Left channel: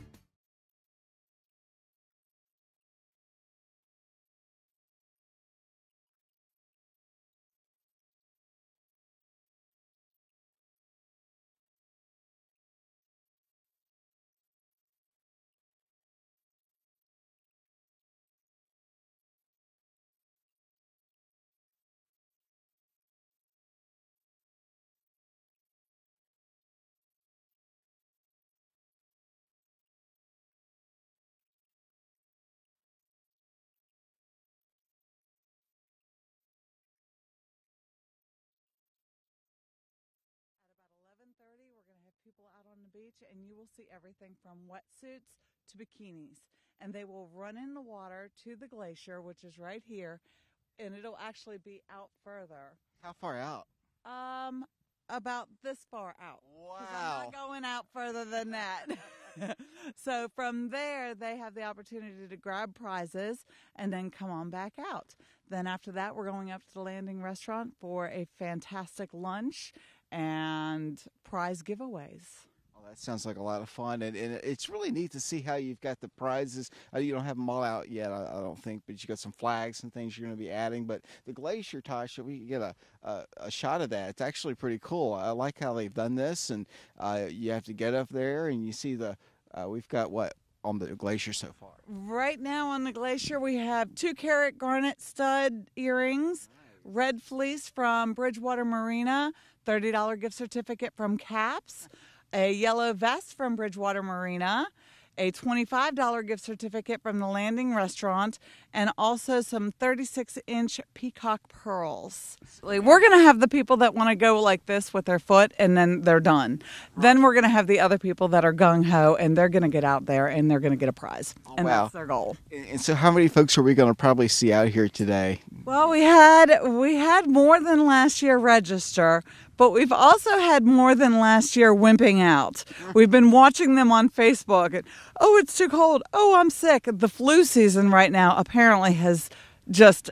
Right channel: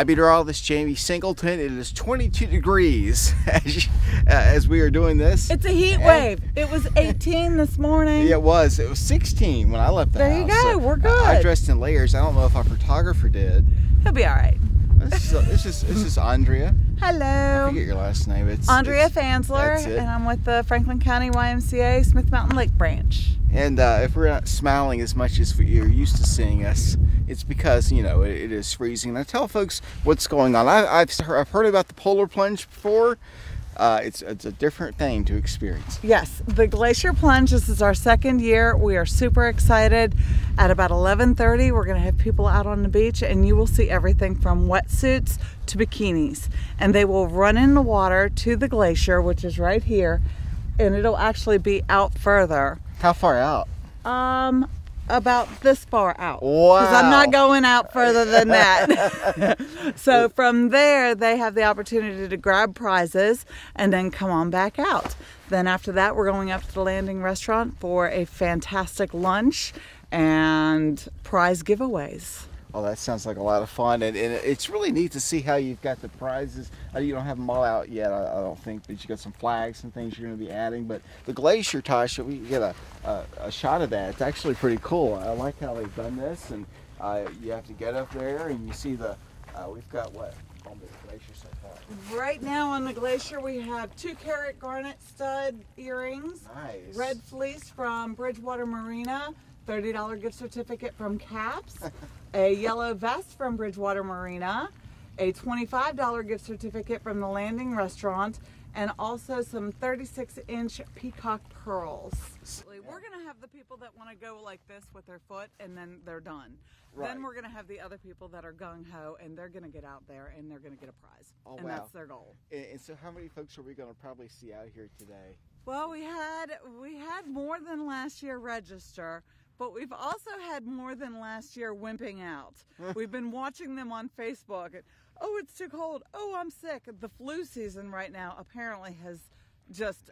I meteorologist Jamie Singleton. It is 22 degrees as we are doing this. It's a heat wave. It was 18 this morning. Yeah, it was. It was 16 when I left the house. There you go. So we're good. I dressed in layers. I don't know if our photographer did. He'll be all right. This is Andrea. Hello. I forget your last name. Andrea it's Fansler, and I'm with the Franklin County YMCA Smith Mountain Lake Branch. And if we're not smiling as much as you're used to seeing us, it's because, you know, it is freezing. Now tell folks what's going on. I've heard about the polar plunge before. It's a different thing to experience. Yes, the Glacier Plunge, this is our second year. We are super excited. At about 11:30, we're going to have people out on the beach, and you will see everything from wetsuits to bikinis. And they will run in the water to the glacier, which is right here, and it'll actually be out further. How far out? About this far out. Wow. Because I'm not going out further than that. So from there, they have the opportunity to grab prizes and then come on back out. Then after that, we're going up to the landing restaurant for a fantastic lunch and prize giveaways. Oh, that sounds like a lot of fun, and it's really neat to see how you've got the prizes. You don't have them all out yet, I don't think, but you got some flags and things you're going to be adding. But the glacier, Tasha, we get a shot of that. It's actually pretty cool. I like how they've done this, and you have to get up there, and you see we've got what on the glacier so far? Right now on the glacier, we have 2-carat garnet stud earrings, Nice. red fleece from Bridgewater Marina, $30 gift certificate from Caps. A yellow vest from Bridgewater Marina, a $25 gift certificate from the landing restaurant, and also some 36-inch peacock pearls. We're going to have the people that want to go like this with their foot, and then they're done. Right. Then we're going to have the other people that are gung-ho, and they're going to get out there, and they're going to get a prize. Oh, and wow. That's their goal. And so how many folks are we going to probably see out here today? Well, we had more than last year register, but we've also had more than last year wimping out. We've been watching them on Facebook. And, oh, it's too cold. Oh, I'm sick. The flu season right now apparently has just,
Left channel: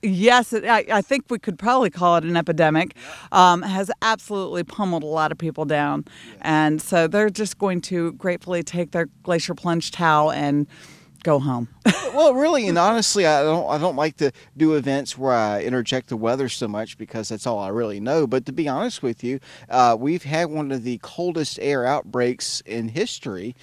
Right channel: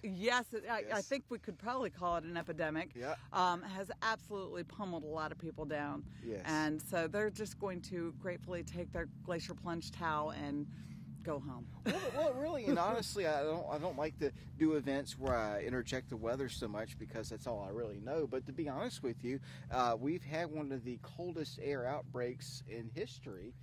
yes, I think we could probably call it an epidemic, has absolutely pummeled a lot of people down. Yes. And so they're just going to gratefully take their Glacier Plunge towel and go home. Well, really, and honestly, I don't like to do events where I interject the weather so much because that's all I really know. But to be honest with you, we've had one of the coldest air outbreaks in history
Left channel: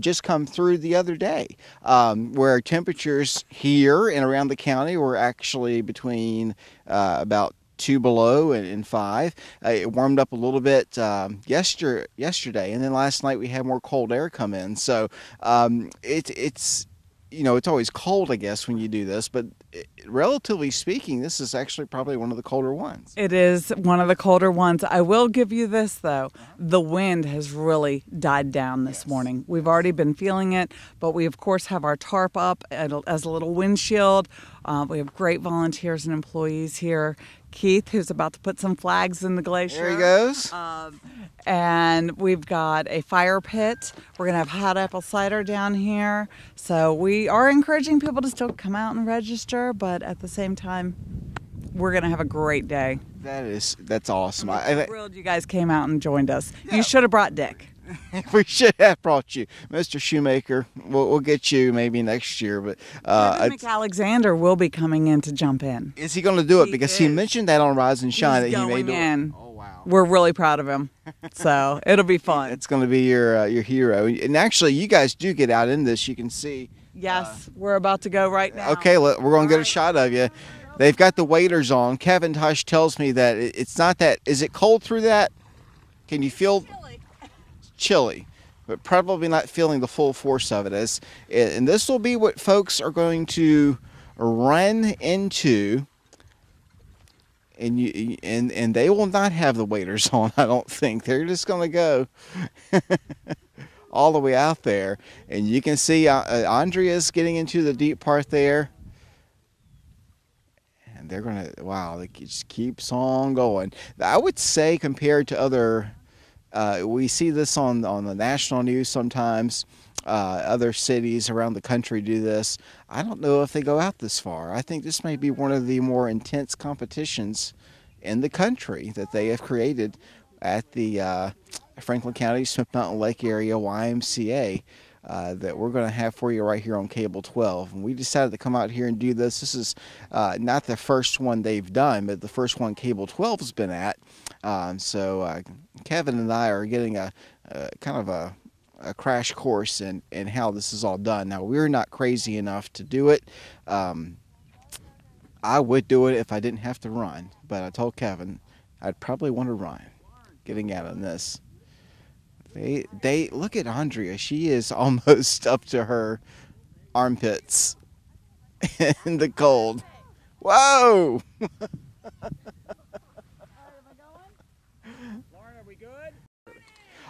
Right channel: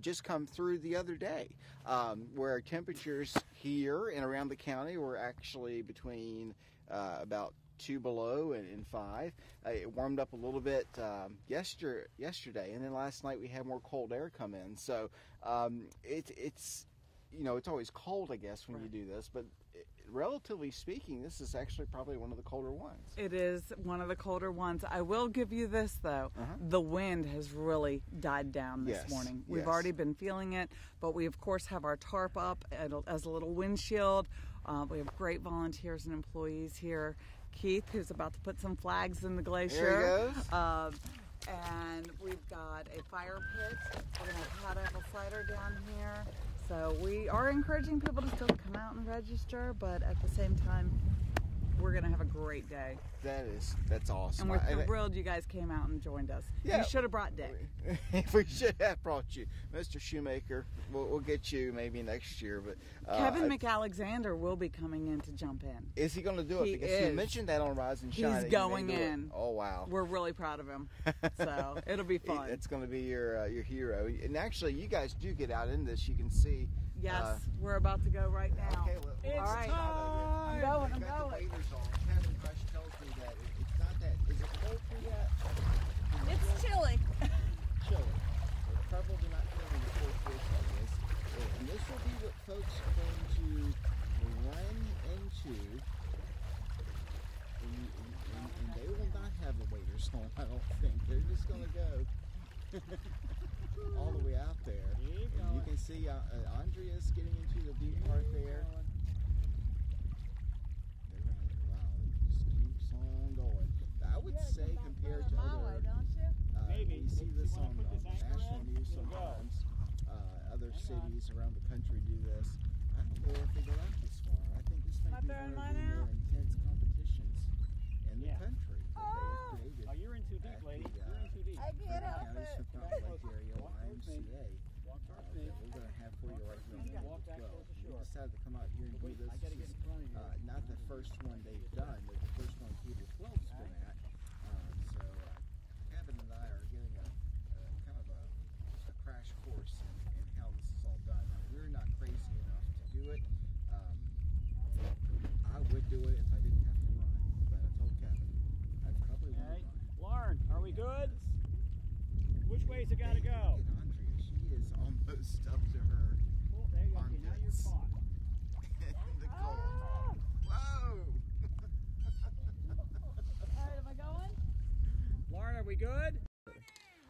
just come through the other day, where temperatures here and around the county were actually between about 2 below and 5. It warmed up a little bit yesterday, and then last night we had more cold air come in. So it's you know, it's always cold, I guess, when you do this, but relatively speaking, this is actually probably one of the colder ones. It is one of the colder ones. I will give you this, though. The wind has really died down this morning. We've already been feeling it, but we, of course, have our tarp up as a little windshield. We have great volunteers and employees here. Keith, who's about to put some flags in the glacier. There he goes. And we've got a fire pit. We're going to have hot apple cider down here. So we are encouraging people to still come out and register, but at the same time, we're going to have a great day. That's awesome. I'm thrilled you guys came out and joined us. Yeah. You should have brought Dick. We should have brought you, Mr. Shoemaker. We'll get you maybe next year, but Alexander will be coming in to jump in. Is he going to do it? Because he mentioned that on Rise and Shine that he may do it. Oh wow! We're really proud of him, so it'll be fun. It's going to be your hero. And actually, you guys do get out in this. You can see. Yes, we're about to go right now. Okay, we're going to get a shot of you. They've got the waders on. Kevin Tosh tells me that it's not that. Is it cold through that? Can you feel? Chilly, but probably not feeling the full force of it. And this will be what folks are going to run into, and they will not have the waders on. I don't think they're just going to go all the way out there, and you can see Andrea's getting into the deep part there. And they're gonna, wow, it just keeps on going. I would say compared to other. We see this on the national news sometimes. Other cities around the country do this. I don't know if they go out this far. I think this may be one of the more intense competitions in the country that they have created at the Franklin County Smith Mountain Lake Area YMCA. that we're going to have for you right here on Cable 12. And we decided to come out here and do this. This is not the first one they've done, but the first one Cable 12 has been at. So Kevin and I are getting a kind of a crash course in how this is all done. Now, we're not crazy enough to do it. I would do it if I didn't have to run, but I told Kevin I'd probably want to run getting out on this. They look at Andrea. She is almost up to her armpits in the cold. Whoa!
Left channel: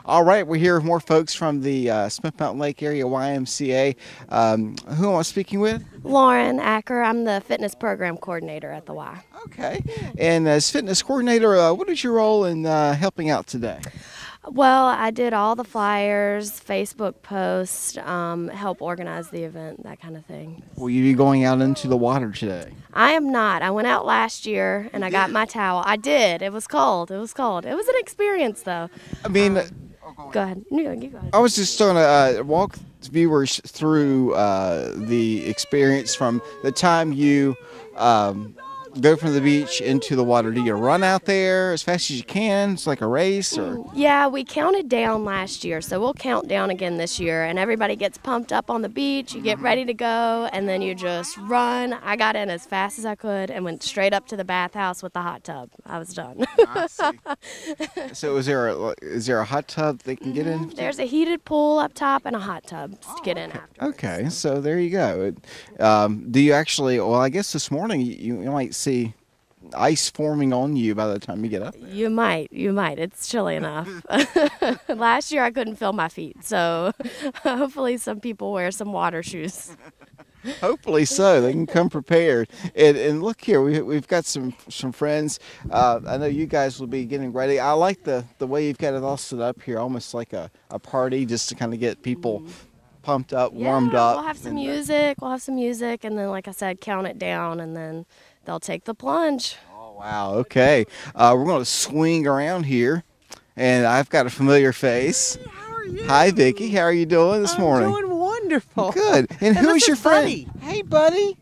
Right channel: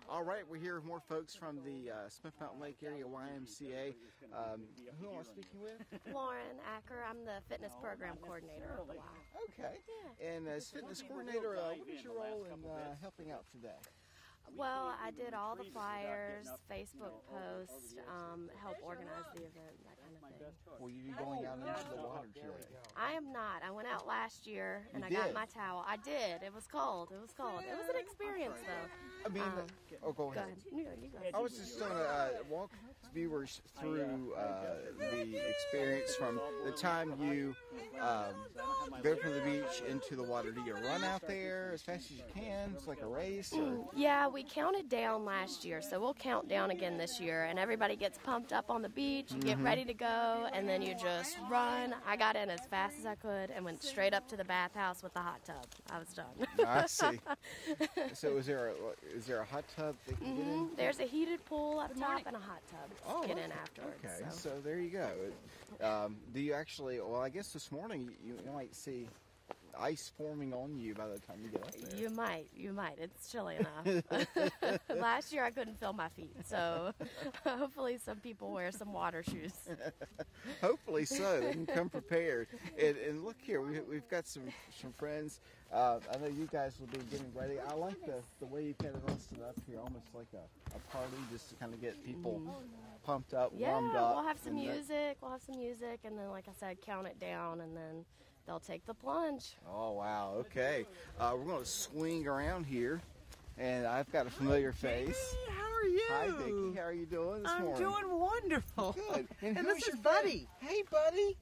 All right, we're here with more folks from the Smith Mountain Lake Area YMCA. Who am I speaking with? Lauren Acker. I'm the fitness program coordinator at the Y. Okay. And as fitness coordinator, what is your role in helping out today? Well, I did all the flyers, Facebook posts, help organize the event, that kind of thing. Will you be going out into the water today? I am not. I went out last year and I got my towel. I did. It was cold. It was cold. It was an experience, though. I mean, go ahead. No, you go ahead. I was just going to walk viewers through the experience from the time you go from the beach into the water. Do you run out there as fast as you can? It's like a race, or? Yeah, we counted down last year, so we'll count down again this year, and everybody gets pumped up on the beach. You get ready to go, and then you just run. I got in as fast as I could and went straight up to the bathhouse with the hot tub. I was done. I see. So is there a hot tub they can get in? There's a heated pool up top and a hot tub to get in after. Okay, so there you go. Do you actually, well, I guess this morning you might see ice forming on you by the time you get up there. You might. It's chilly enough. Last year I couldn't feel my feet, so hopefully some people wear some water shoes. Hopefully so. They can come prepared. And look here, we've got some friends. I know you guys will be getting ready. I like the way you've got it all set up here, almost like a party, just to kind of get people pumped up, warmed up. We'll have some music, and then, like I said, count it down, and then they'll take the plunge. Oh, wow. Okay. We're going to swing around here, and I've got a familiar face. How are you? Hi, Vicki. How are you doing this morning? I'm doing wonderful. Good. And who is your friend? Buddy. Hey, buddy.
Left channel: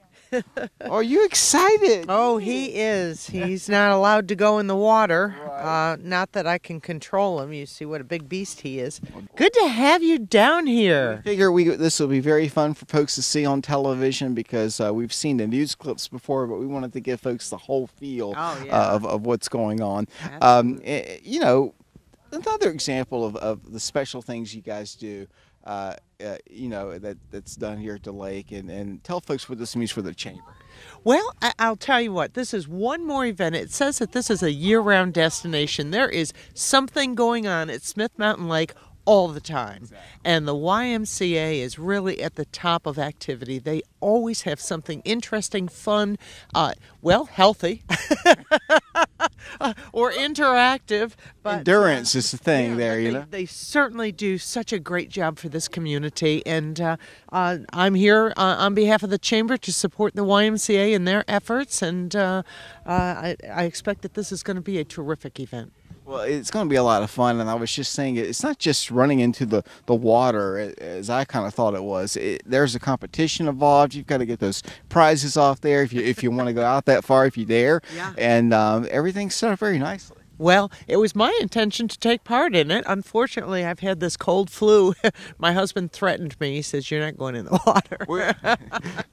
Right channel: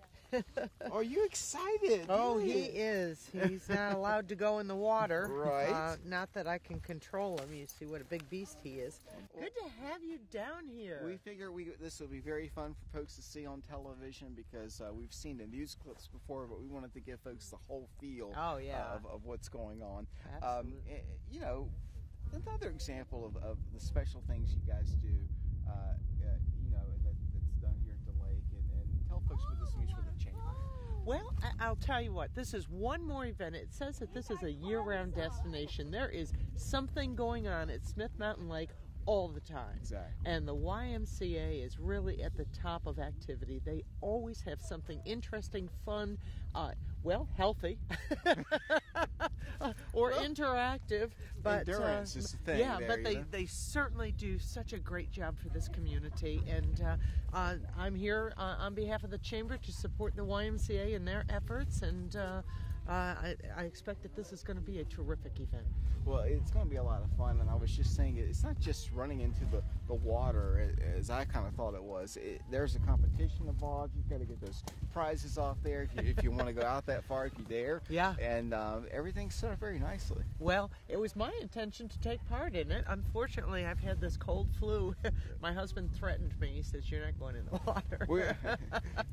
Are you excited? Oh, he is. He's not allowed to go in the water. Right. Not that I can control him. You see what a big beast he is. Good to have you down here. I figure this will be very fun for folks to see on television because we've seen the news clips before, but we wanted to give folks the whole feel of what's going on. You know, another example of the special things you guys do. You know, that's done here at the lake, and tell folks what this means for the chamber. Well, I'll tell you what, this is one more event. It says that this is a year-round destination. There is something going on at Smith Mountain Lake all the time. Exactly. And the YMCA is really at the top of activity. They always have something interesting, fun, healthy, or interactive. But, endurance is the thing there, you know. They certainly do such a great job for this community. And I'm here on behalf of the Chamber to support the YMCA in their efforts. And I expect that this is going to be a terrific event. Well, it's going to be a lot of fun, and I was just saying it's not just running into the water as I kind of thought it was. There's a competition involved. You've got to get those prizes off there if you want to go out that far, if you dare. Yeah. And everything's set up very nicely. Well, it was my intention to take part in it. Unfortunately, I've had this cold flu. My husband threatened me. He says, "You're not going in the water."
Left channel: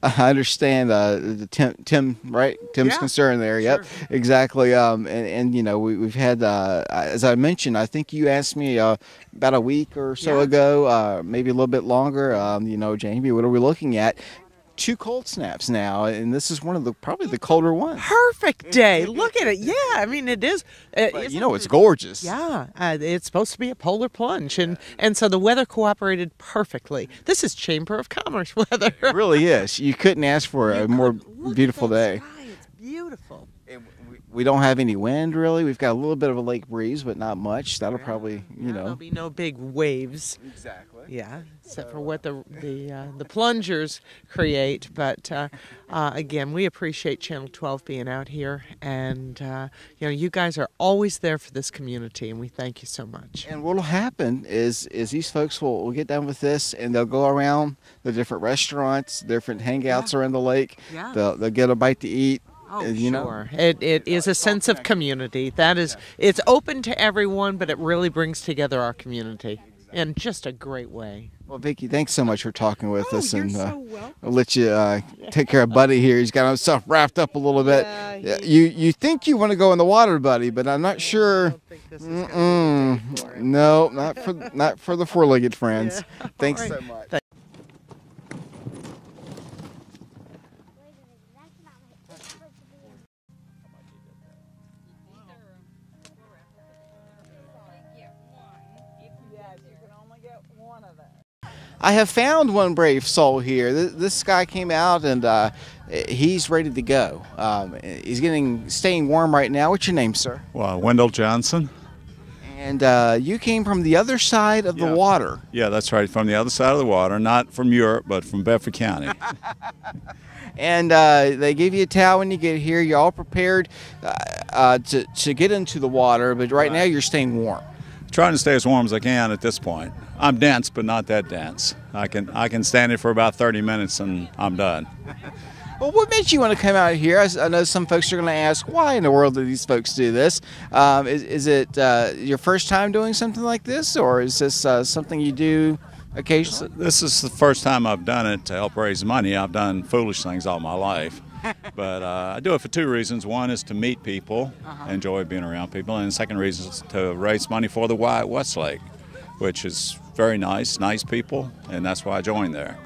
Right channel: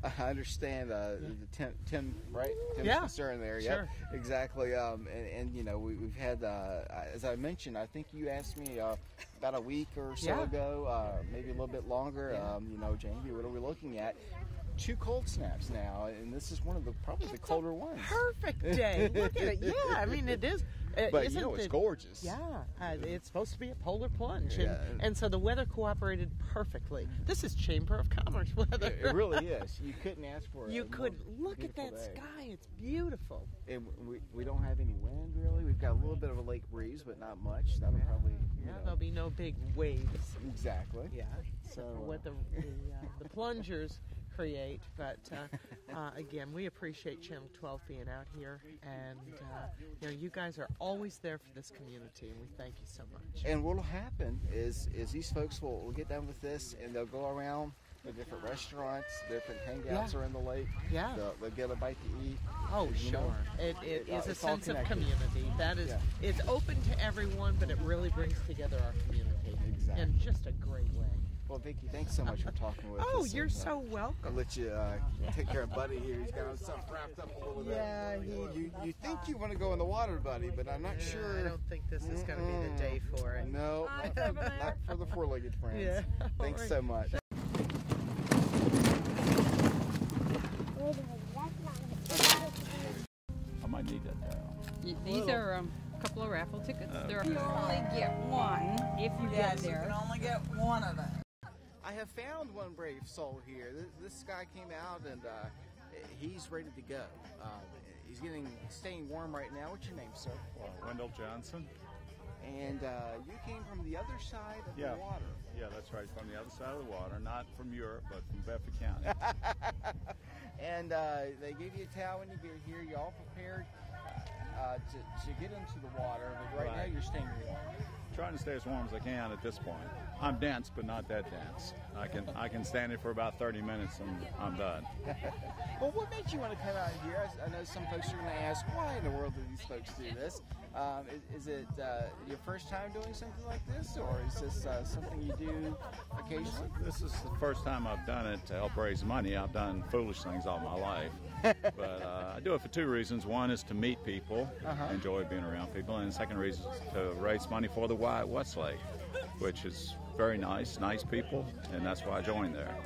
I understand Tim, right? Tim's concern there. Yep, sure. Exactly. And you know, we've had, as I mentioned, I think you asked me about a week or so ago, maybe a little bit longer. You know, Jamie, what are we looking at? 2 cold snaps now, and this is one of probably the colder ones. Perfect day. Look at it. Yeah, I mean, it is. But, you know, it's gorgeous. Yeah, it's supposed to be a polar plunge, and so the weather cooperated perfectly. This is Chamber of Commerce weather. It really is. You couldn't ask for a more beautiful day. Sky. It's beautiful. And we don't have any wind, really. We've got a little bit of a lake breeze, but not much. That'll probably, you know. There'll be no big waves. Exactly. Yeah, except for what the plungers create. But again, we appreciate Channel 12 being out here, and you guys are always there for this community, and we thank you so much. And what'll happen is these folks will get done with this, and they'll go around the different restaurants, different hangouts around the lake. Yeah. They'll get a bite to eat. Oh, you know. sure. It is a sense of community. That is, it's open to everyone, but it really brings together our community in just a great way. Well, Vicki, thanks so much for talking with us, you're and so welcome. I'll let you take care of Buddy here. He's got himself wrapped up a little bit. You think you want to go in the water, Buddy, but I'm not sure. No, not for the four-legged friends. Yeah. Thanks All right. so much. I might need that towel. These are a couple of raffle tickets. You only get one if you get there. You can only get one of them. I have found one brave soul here. This guy came out and he's ready to go. He's staying warm right now. What's your name, sir? Well, Wendell Johnson. And you came from the other side of the water. Yeah, that's right, from the other side of the water, not from Europe, but from Bedford County. And they give you a towel when you get here. You're all prepared to get into the water, but right now you're staying warm. Trying to stay as warm as I can at this point. I'm dense, but not that dense. I can stand it for about 30 minutes and I'm done. Well, what made you want to come out here? I know some folks are going to ask, why in the world do these folks do this? Is it your first time doing something like this, or is this something you do occasionally? This is the first time I've done it to help raise money. I've done foolish things all my life. But I do it for two reasons. One is to meet people, enjoy being around people, and the second reason is to raise money for the Y at Westlake, which is very nice people, and that's why I joined there.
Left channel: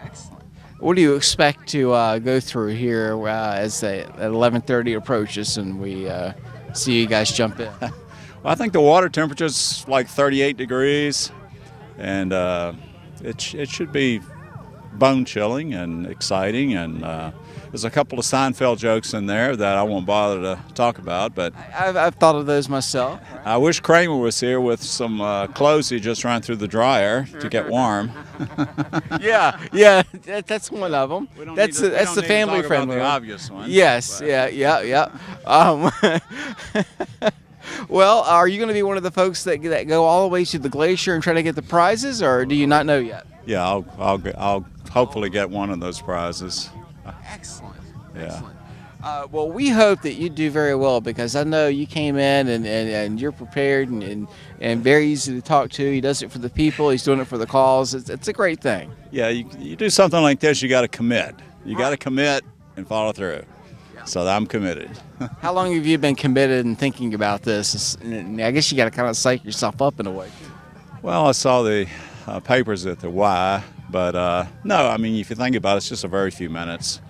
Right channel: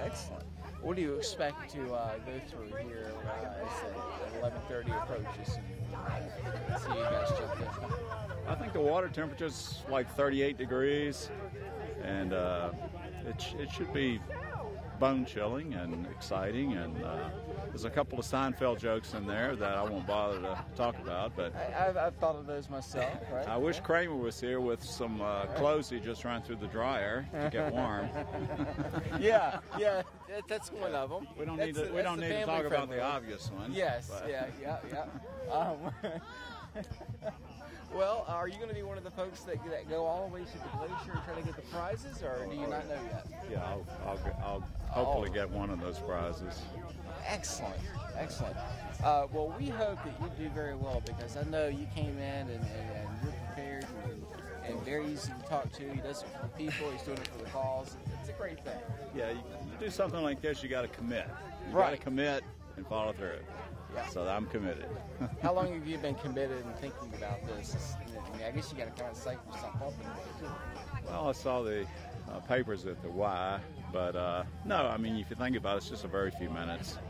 Excellent. What do you expect to go through here as at 11:30 approaches and we see you guys jump in? Well, I think the water temperature is like 38 degrees, and it should be bone-chilling and exciting, and there's a couple of Seinfeld jokes in there that I won't bother to talk about, but I've thought of those myself. I wish Kramer was here with some clothes he just ran through the dryer to get warm. Yeah, that's one of them. That's the family friendly the one. obvious one. Yes, but. yeah. Well, are you going to be one of the folks that go all the way to the glacier and try to get the prizes, or do you not know yet? Yeah, I'll hopefully get one of those prizes. Excellent. Yeah. Well, we hope that you do very well, because I know you came in and you're prepared and very easy to talk to. He does it for the people. He's doing it for the cause. It's a great thing. Yeah, you do something like this, you got to commit. You got to commit and follow through. Yeah. So I'm committed. How long have you been committed and thinking about this? I guess you got to kind of psych yourself up in a way. Well, I saw the papers at the Y, but no, I mean, if you think about it, it's just a very few minutes.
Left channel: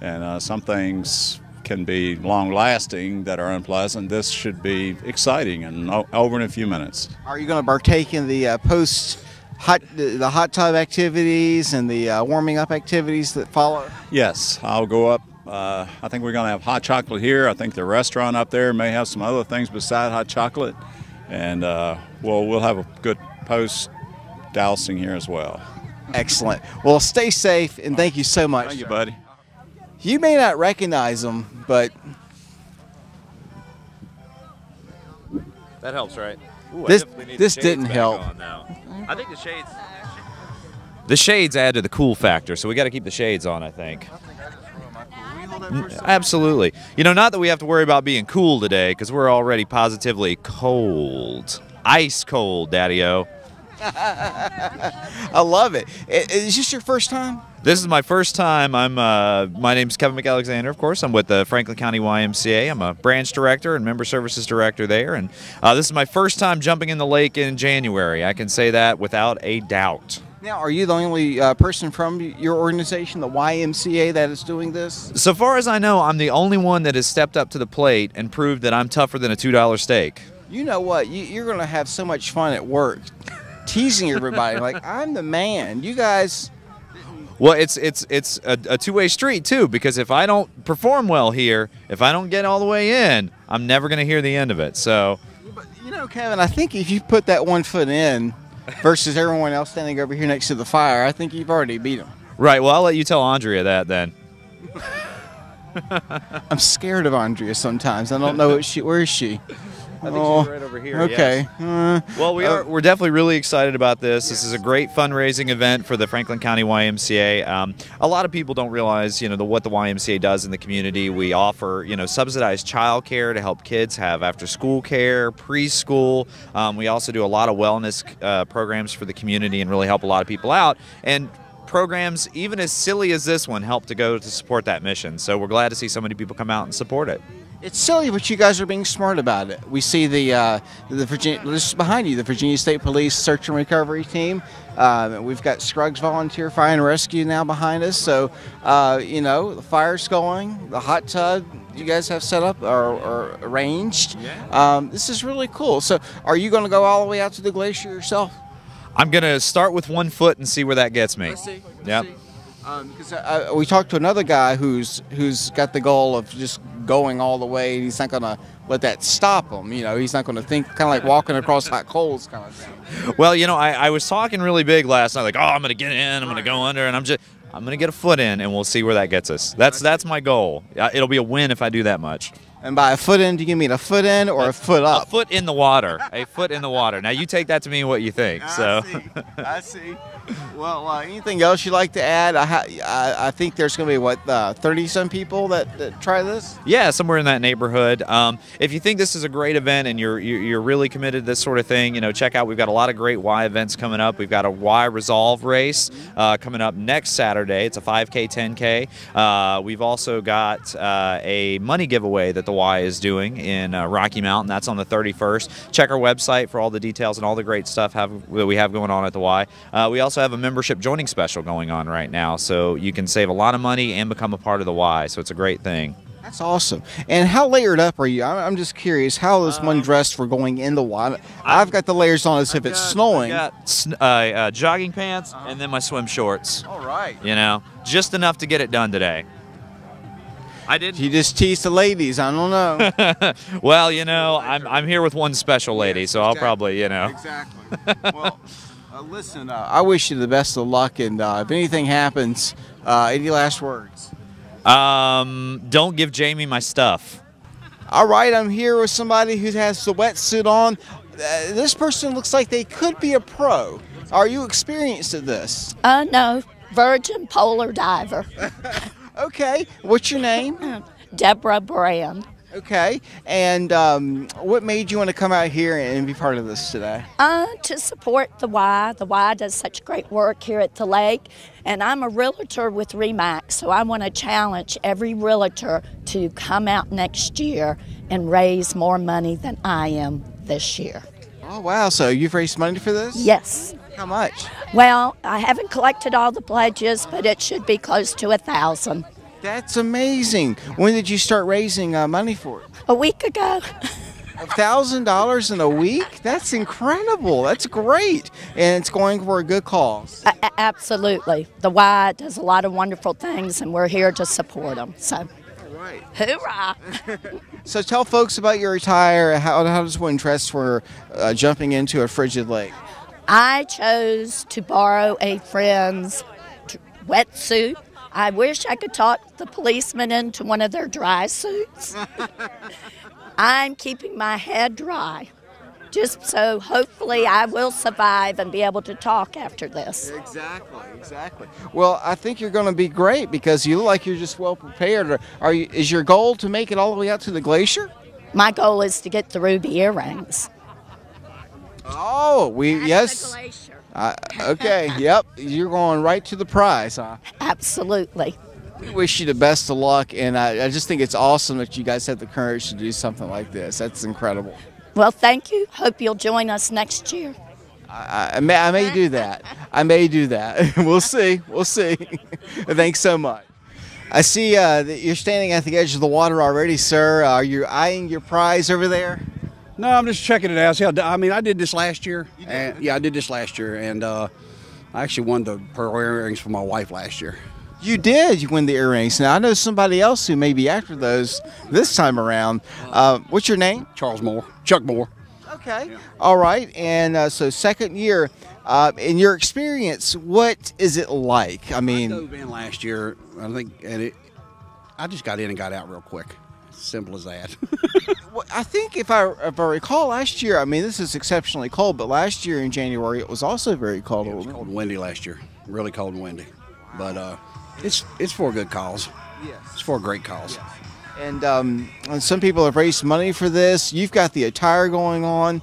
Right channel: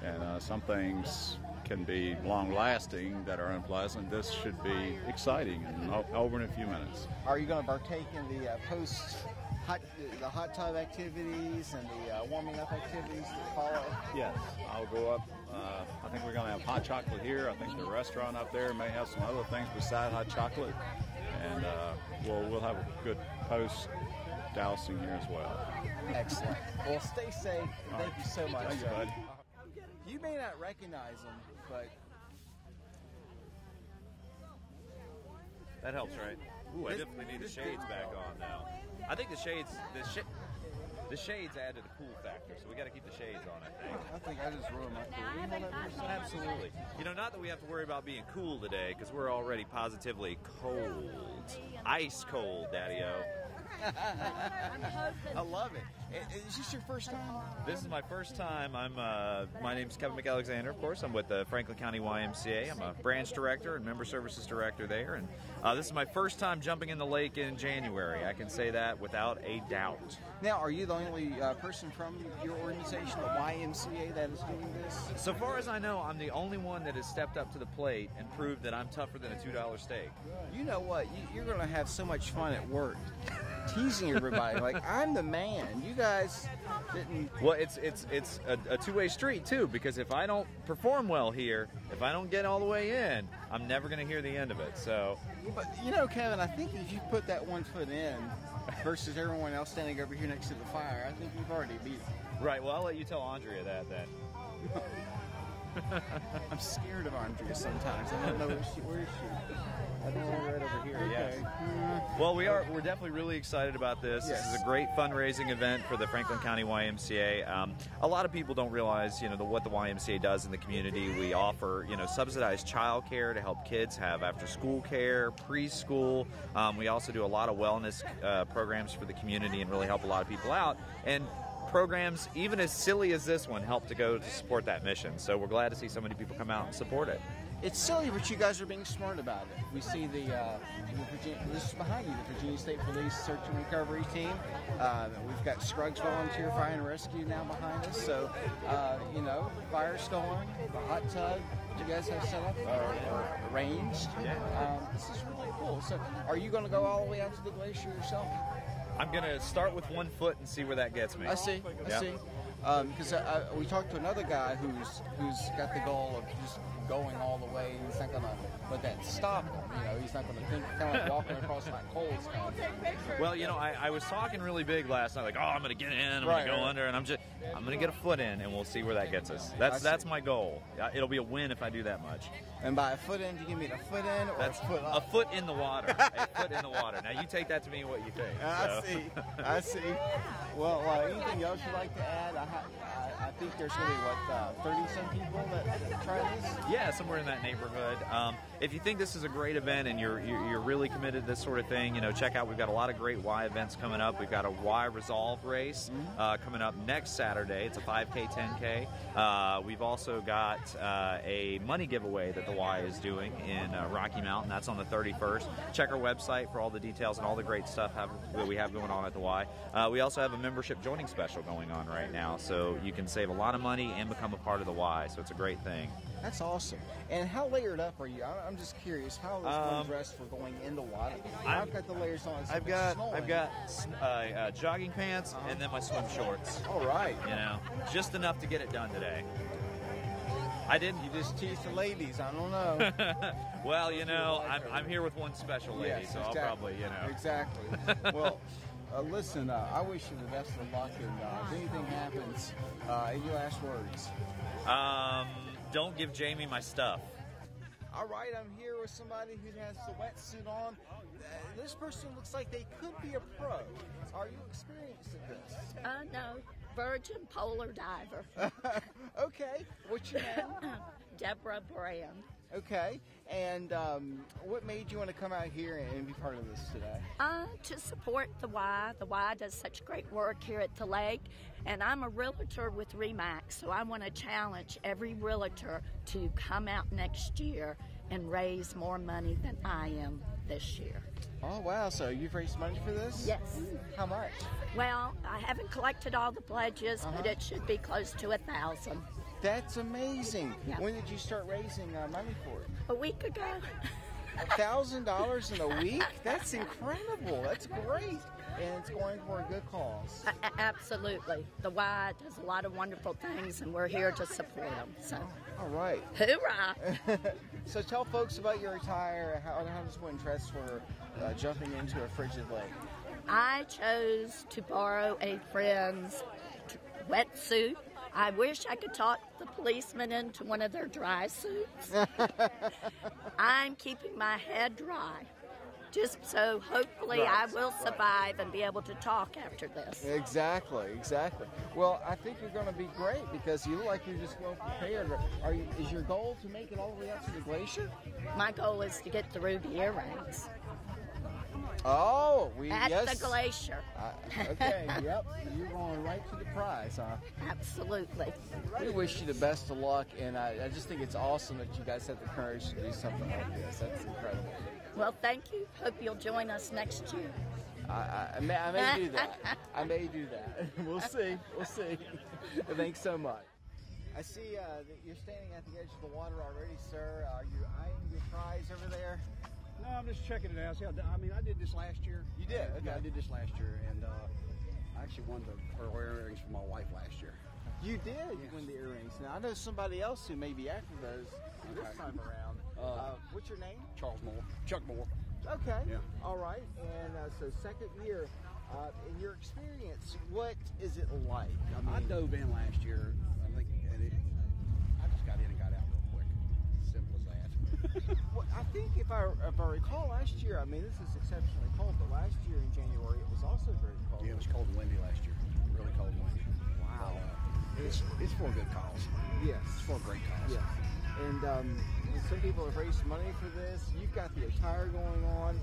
And some things can be long-lasting that are unpleasant. This should be exciting and over in a few minutes. Are you going to partake in the the hot tub activities and the warming up activities that follow? Yes, I'll go up. I think we're going to have hot chocolate here. I think the restaurant up there may have some other things beside hot chocolate, and we'll have a good post dousing here as well. Excellent. Well, stay safe, and thank you so much. Thank you, buddy. You may not recognize them, but that helps, right? Ooh, this didn't help. I think the shades add to the cool factor, so we got to keep the shades on, I think. Absolutely. You know, not that we have to worry about being cool today, because we're already positively cold. Ice cold, Daddy-O. I love it. Is this your first time? This is my first time. My name's Kevin McAlexander, of course. I'm with the Franklin County YMCA. I'm a branch director and member services director there. And this is my first time jumping in the lake in January. I can say that without a doubt. Now, are you the only person from your organization, the YMCA, that is doing this? So far as I know, I'm the only one that has stepped up to the plate and proved that I'm tougher than a $2 steak. You know what? You're going to have so much fun at work teasing everybody. Like, I'm the man. You guys... Well, it's a two-way street, too, because if I don't perform well here, if I don't get all the way in, I'm never going to hear the end of it. So, But, you know, Kevin, I think if you put that 1 foot in, versus everyone else standing over here next to the fire. I think you've already beat them. Right. Well, I'll let you tell Andrea that then. I'm scared of Andrea sometimes. I don't know where is she? I think she's right over here. Okay. Yes. Well, we're definitely really excited about this. This is a great fundraising event for the Franklin County YMCA. A lot of people don't realize, what the YMCA does in the community. We offer, subsidized child care to help kids have after-school care, preschool. We also do a lot of wellness programs for the community and really help a lot of people out. And programs, even as silly as this one, help to go to support that mission. So we're glad to see so many people come out and support it. It's silly, but you guys are being smart about it. We see the Virginia, this is behind you, the Virginia State Police Search and Recovery Team. We've got Scruggs Volunteer Fire and Rescue now behind us. So, the fire's going, the hot tub you guys have set up or arranged. This is really cool. So, are you going to go all the way out to the glacier yourself? I'm going to start with 1 foot and see where that gets me. I see. Yep. We talked to another guy who's got the goal of just going all the way. He's not going to let that stop him. He's not going to think, kind of like walking across hot coals kind of thing. Well, I was talking really big last night, like, I'm going to get in, I'm going to go under, and I'm going to get a foot in, and we'll see where that gets us. That's my goal. It'll be a win if I do that much. And by a foot in, do you mean a foot in or a foot up? A foot in the water. A foot in the water. Now, you take that to mean what you think. So. I see. Well, anything else you'd like to add? I think there's going to be, 30-some people that try this? Yeah, somewhere in that neighborhood. If you think this is a great event and you're really committed to this sort of thing, check out. We've got a lot of great Y events coming up. We've got a Y Resolve race coming up next Saturday. It's a 5K, 10K. We've also got a money giveaway that the Y is doing in Rocky Mountain. That's on the 31st. Check our website for all the details and all the great stuff that we have going on at the Y. We also have a membership joining special going on right now, so you can save a lot of money and become a part of the Y, so it's a great thing. That's awesome. And how layered up are you? I'm just curious, how is one dressed for going in the Y? I've got the layers on as if it's snowing. I've got jogging pants and then my swim shorts. All right. Just enough to get it done today. You just tease the ladies. I don't know. Well, I'm here with one special lady, so I'll probably, Exactly. Well, listen, I wish you the best of luck, and if anything happens, any last words? Don't give Jamie my stuff. All right, I'm here with somebody who has the wetsuit on. This person looks like they could be a pro. Are you experienced at this? No, virgin polar diver. Okay, what's your name? Deborah Brand. Okay, and what made you want to come out here and be part of this today? To support the Y. The Y does such great work here at the lake, and I'm a realtor with RE/MAX, so I want to challenge every realtor to come out next year and raise more money than I am this year. Oh, wow, so you've raised money for this? Yes. How much? Well, I haven't collected all the pledges, but it should be close to 1,000. That's amazing. When did you start raising money for it? A week ago. $1,000 in a week? That's incredible. That's great. And it's going for a good cause. Absolutely. The Y does a lot of wonderful things, and we're here to support them. So, all right. Hoorah! So tell folks about your attire. How does one dress for jumping into a frigid lake? I chose to borrow a friend's wetsuit. I wish I could talk the policeman into one of their dry suits. I'm keeping my head dry, just so hopefully I will survive and be able to talk after this. Exactly. Well, I think you're going to be great because you look like you're just well prepared. Is your goal to make it all the way out to the glacier? My goal is to get the ruby earrings. Oh, yes. The glacier. Okay, yep. You're going right to the prize, huh? Absolutely. I wish you the best of luck, and I just think it's awesome that you guys have the courage to do something like this. That's incredible. Well, thank you. Hope you'll join us next year. I may do that. We'll see. Thanks so much. I see that you're standing at the edge of the water already, sir. Are you eyeing your prize over there? No, I'm just checking it out. See I did this last year. I did this last year, and I actually won the pearl earrings for my wife last year. You did. You win the earrings. Now, I know somebody else who may be after those this time around. What's your name? Chuck Moore. Okay. Yeah. All right. And so second year, In your experience, what is it like? I mean, I dove in last year, I think, and I just got in and got out real quick. Simple as that. well, I think if I recall last year, I mean, this is exceptionally cold, but last year in January it was also very cold. It was cold and windy last year, really cold and windy. But it's for a good cause. Yes. It's for a great cause. And some people have raised money for this. You've got the attire going on,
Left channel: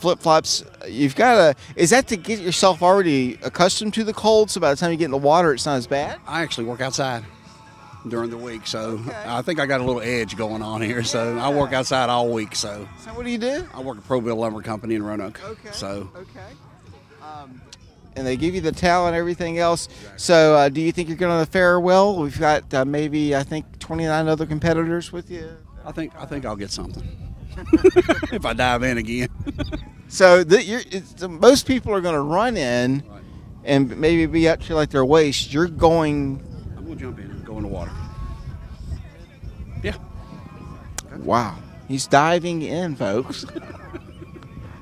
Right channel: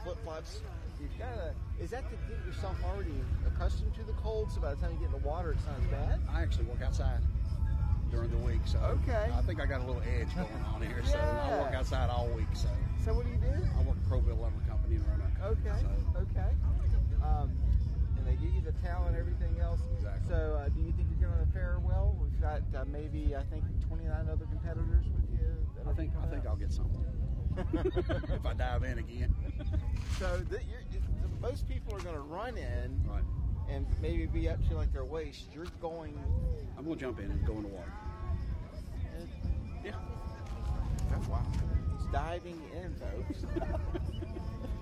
flip-flops. You've got is that to get yourself already accustomed to the cold, so by the time you get in the water, it's not as bad? I actually work outside during the week, so okay. I think I got a little edge going on here. So I work outside all week. So what do you do? I work at Pro-Bill Lumber Company in Roanoke. Okay. So. Okay. And they give you the towel and everything else. So do you think you're going to fare well? We've got maybe, I think, 29 other competitors with you. I think I'll get something if I dive in again. So most people are going to run in and maybe be up to like their waist. You're going. I'm going to jump in and go in the water. Yeah. Wow. He's diving in, folks.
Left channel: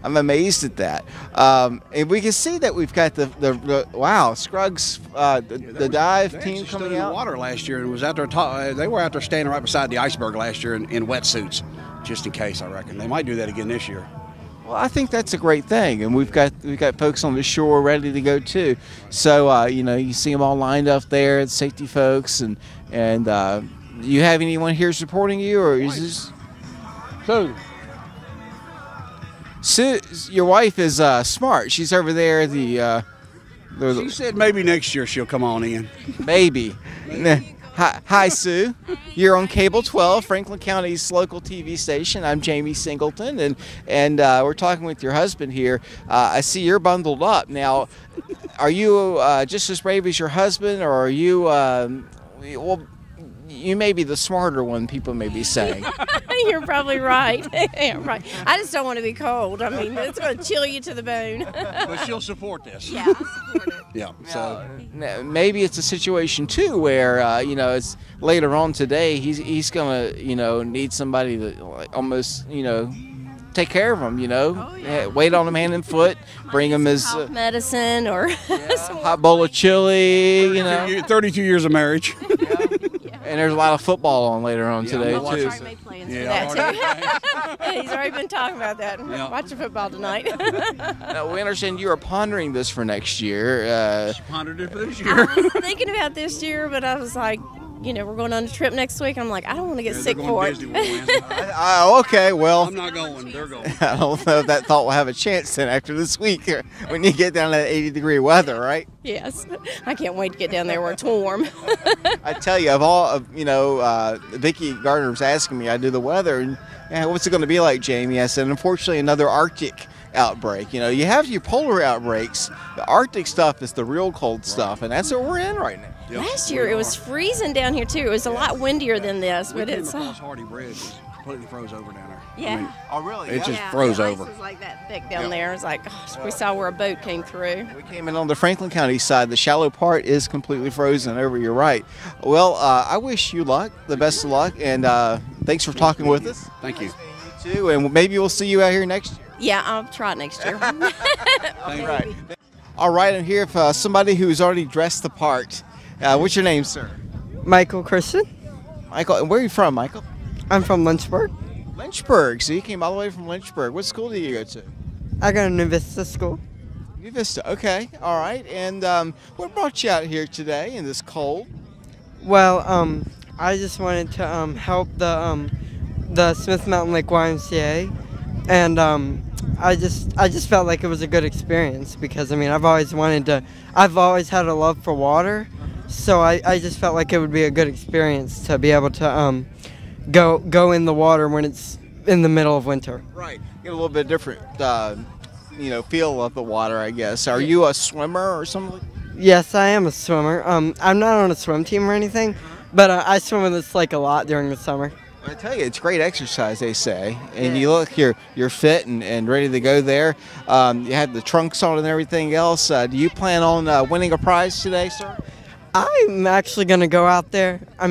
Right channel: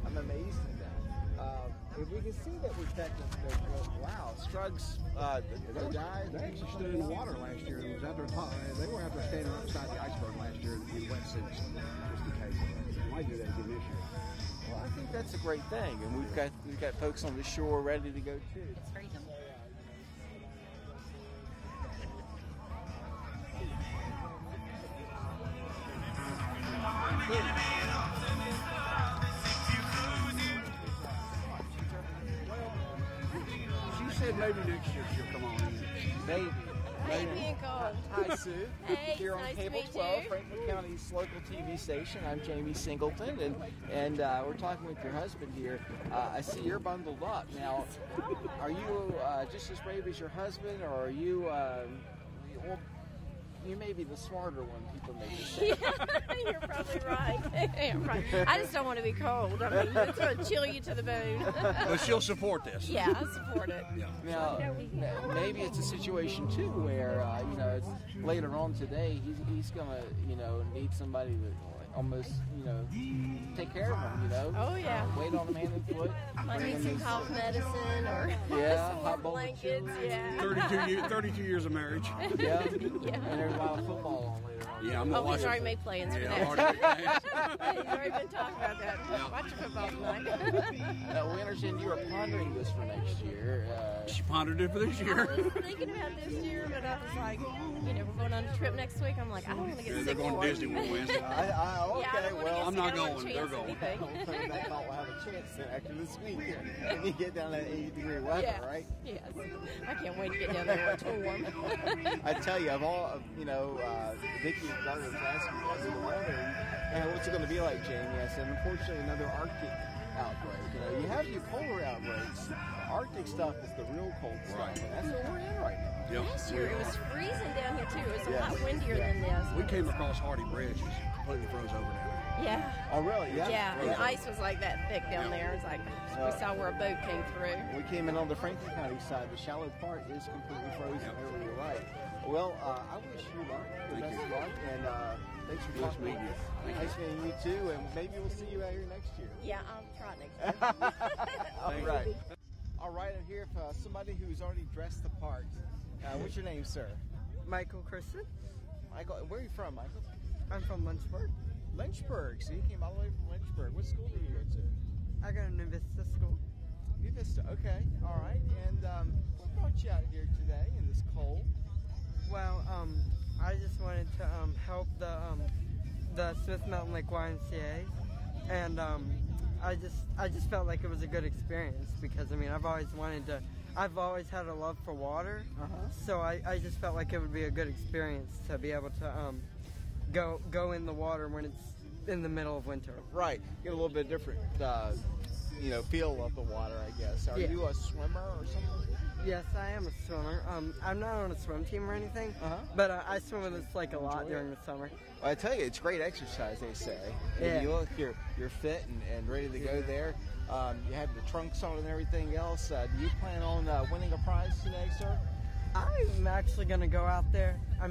I'm amazed at that. And we can see that we've got the wow, Scruggs, the dive team coming in out. The water last year and was out there. They were out there standing right beside the iceberg last year in wetsuits, just in case. I reckon they might do that again this year. Well, I think that's a great thing, and we've got folks on the shore ready to go too. So you see them all lined up there, the safety folks, and you have anyone here supporting you, or is this? Sue, your wife is smart. She's over there. She said maybe next year she'll come on in. Maybe. Hi, Sue. You're on Cable 12, Franklin County's local TV station. I'm Jamie Singleton, and we're talking with your husband here. I see you're bundled up. Now, are you just as brave as your husband, or are you, well, you may be the smarter one, people may be saying. You're probably right. Right. I just don't want to be cold. I mean, it's going to chill you to the bone. But she'll support this. Yeah, I'll support it. Yeah. So maybe it's a situation too where it's later on today he's gonna need somebody to almost take care of him. Oh, yeah. Wait on him hand and foot, bring him his cough medicine or hot bowl of chili. 32 years of marriage. And there's a lot of football on later on today too. He's already made plans for that too. He's already been talking about that. Yeah. Watching football tonight. Now, we understand you are pondering this for next year. Pondered it for this year. I was thinking about this year, but I was like, we're going on a trip next week. I'm like, I don't want to get sick for it. Okay, well. I'm not going. They're going. I don't know if that thought will have a chance then after this week when you get down to that 80-degree weather, right? Yes. I can't wait to get down there where it's warm. I tell you, Vicki Gardner was asking me, I do the weather, and what's it going to be like, Jamie? I said, unfortunately, another Arctic outbreak. You have your polar outbreaks. The Arctic stuff is the real cold stuff, and that's what we're in right now. Yep. Last year it was freezing down here too. It was a lot windier than this, but it's Hardy Bridge is completely froze over down there. Yeah. Oh, really? It just froze the over. ice was like that thick down there. It was like, we saw where a boat came through. We came in on the Franklin County side. The shallow part is completely frozen over. You're right. Well, I wish you luck, the best of luck, and thanks for talking with us. Thank you. You too, and maybe we'll see you out here next year. Yeah, I'll try it next year. Right. All right, I'm here for somebody who's already dressed the part. What's your name, sir? Michael Christian. Michael, and where are you from, Michael? I'm from Lynchburg. Lynchburg. So you came all the way from Lynchburg. What school do you go to? I go to New Vista School. New Vista. Okay. All right. And what brought you out here today in this cold? Well, I just wanted to help the Smith Mountain Lake YMCA, and I just felt like it was a good experience because I've always had a love for water. So I just felt like it would be a good experience to be able to go in the water when it's in the middle of winter. Right. Get a little bit different, feel of the water, I guess. Are you a swimmer or something? Yes, I am a swimmer. I'm not on a swim team or anything, but I swim in this lake a lot during the summer. I tell you, it's great exercise, they say. And you look, you're fit and ready to go there. You have the trunks on and everything else. Do you plan on winning a prize today, sir? I'm actually gonna go out there. I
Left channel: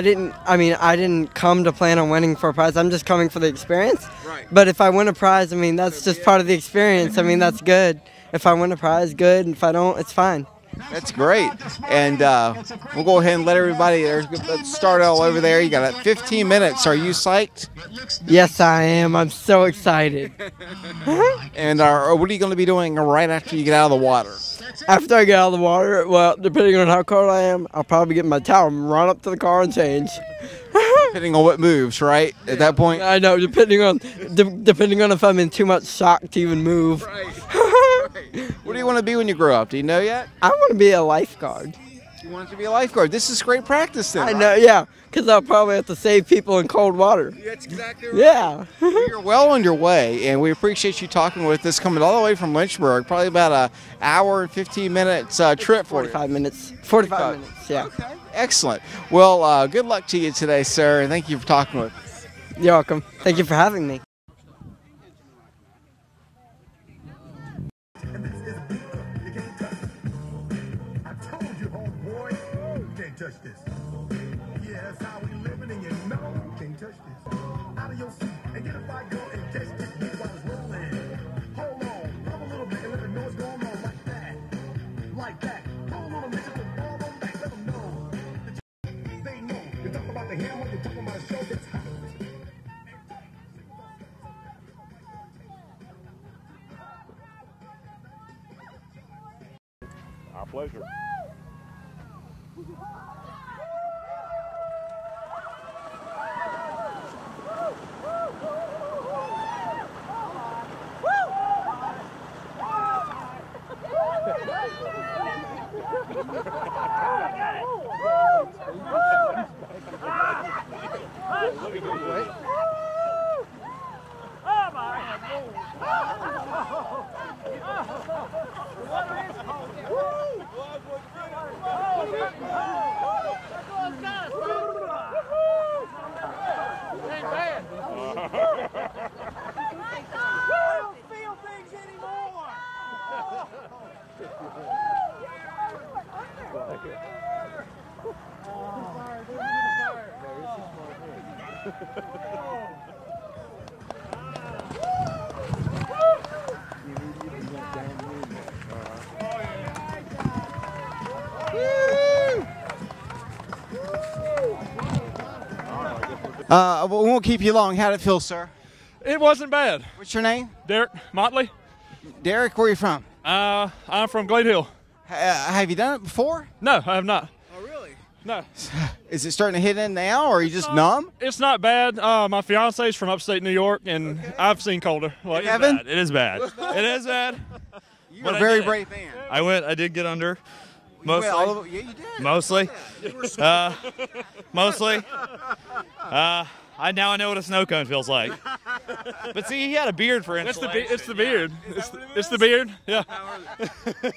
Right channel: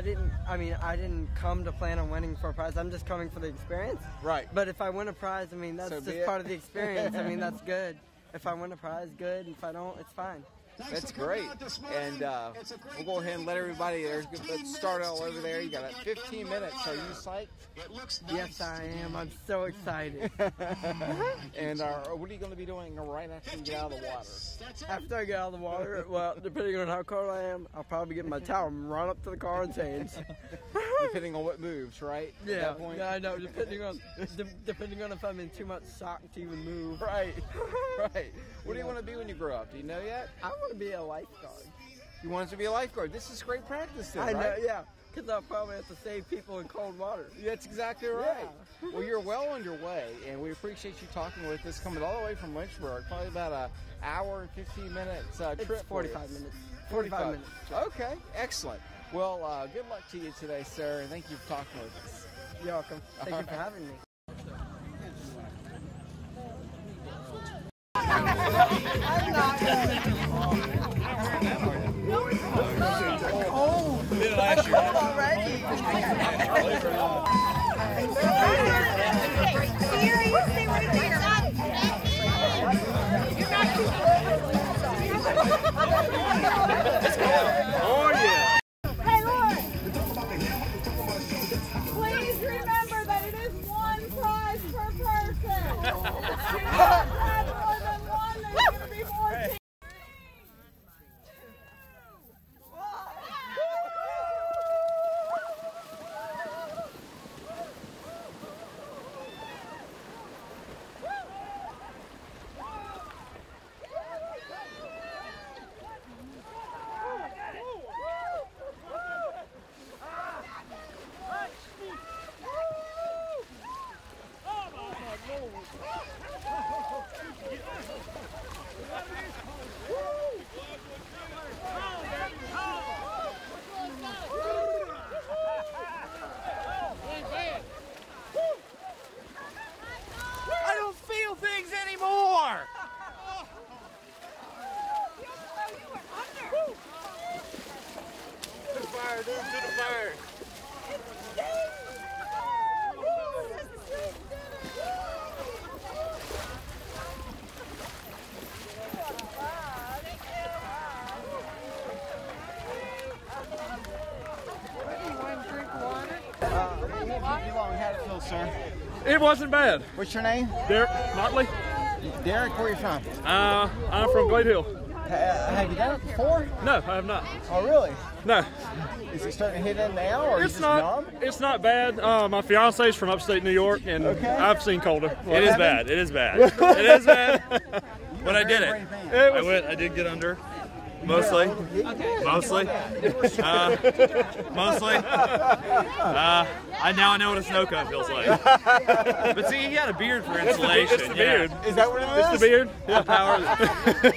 didn't come to plan on winning for a prize. I'm just coming for the experience. Right. But if I win a prize, that's just part of the experience. That's good. if I win a prize, good. And if I don't, it's fine. That's great. And we'll go ahead and let everybody let's start all over there. You got 15 minutes. Are you psyched? Yes, I am. I'm so excited. And what are you going to be doing right after you get out of the water? After I get out of the water, well, depending on how cold I am, I'll probably get my towel and run up to the car and change. Depending on what moves, right? At that point? I know, depending on if I'm in too much shock to even move. Right. What do you want to be when you grow up? Do you know yet? I want to be a lifeguard. You want to be a lifeguard? This is great practice then. I know, yeah, because I'll probably have to save people in cold water. That's exactly right. Yeah. You're well on your way, and we appreciate you talking with us, coming all the way from Lynchburg, probably about an hour and 15 minutes trip for you. 45 minutes. 45 minutes, yeah. Okay, excellent. Well, good luck to you today, sir, and thank you for talking with us. You're welcome. Thank you for having me. Please remember that it is one prize per person. More than one, there's going to be more teams. Our pleasure. I don't feel things anymore. We won't keep you long. How'd it feel, sir? It wasn't bad. What's your name? Derek Motley. Derek, where are you from? I'm from Glade Hill. Have you done it before? No, I have not. Oh, really? No. Is it starting to hit in now, or are you just numb? It's not bad. My fiance's from upstate New York, and I've seen colder. Well, it is haven't? bad. It is bad. It is bad. You're a very brave man. I did get under. Mostly. Mostly. Mostly. I now know what a snow cone feels like. But see, he got a beard for insulation. It's the beard. Is that what it is? It's the beard. Yeah.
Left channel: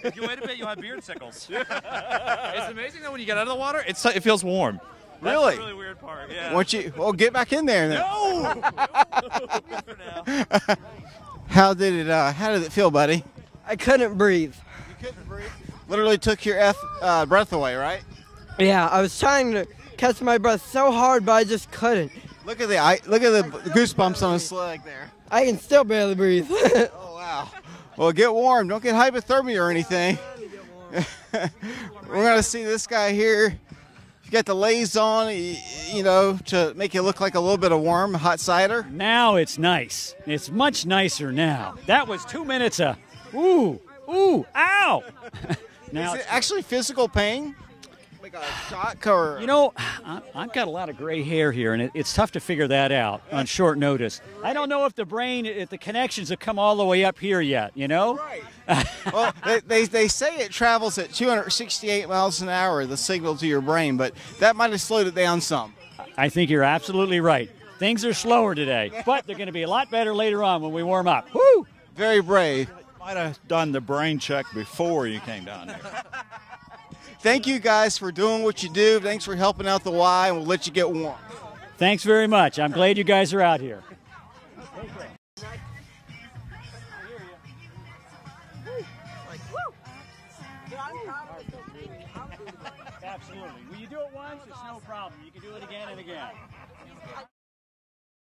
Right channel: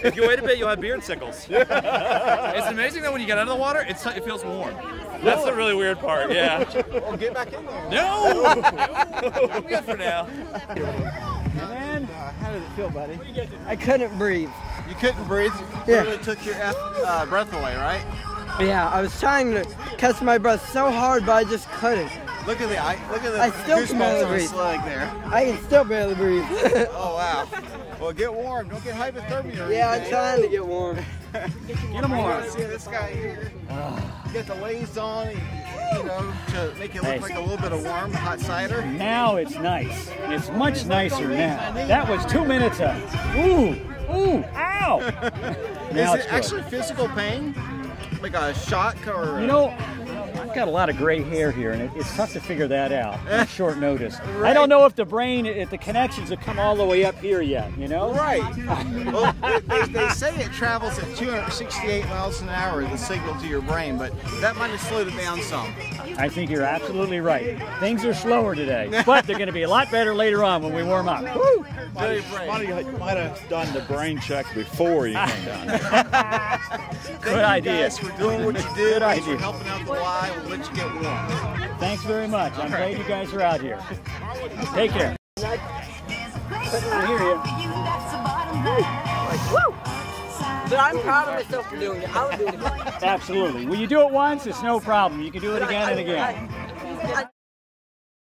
If you wait a bit, you'll have beard sickles. It's amazing that when you get out of the water, it feels warm. That's the really weird part. Yeah. Well, get back in there. No. I'm good for now. How did it feel, buddy? I couldn't breathe. You couldn't breathe? Yeah. Literally took your breath away, right? Yeah, I was trying to catch my breath so hard, but I just couldn't. Look at the goosebumps on his leg there. I can still barely breathe. Oh wow. Well, get warm. Don't get hypothermia or anything. Yeah, I'm trying to get warm. We're gonna see this guy here. Get the lays on, you know, to make it look like a little bit of warm hot cider. Now it's nice. It's much nicer now. That was 2 minutes of ooh, ow. Is it actually physical pain? Like a shock or? You know, I've got a lot of gray hair here, and it's tough to figure that out on short notice. Right. I don't know if the connections have come all the way up here yet, you know? Right. Well, they say it travels at 268 miles an hour, the signal to your brain, but that might have slowed it down some. I think you're absolutely right. Things are slower today, but they're going to be a lot better later on when we warm up. Woo! Very brave. You might have done the brain check before you came down. Thank you guys for doing what you do. Thanks for helping out the Y. We'll let you get warm. Thanks very much. I'm glad you guys are out here. Take care. I hear you. But I'm proud of myself for doing it. I'll do it again. Absolutely. When you do it once, it's no problem. You can do it again and again.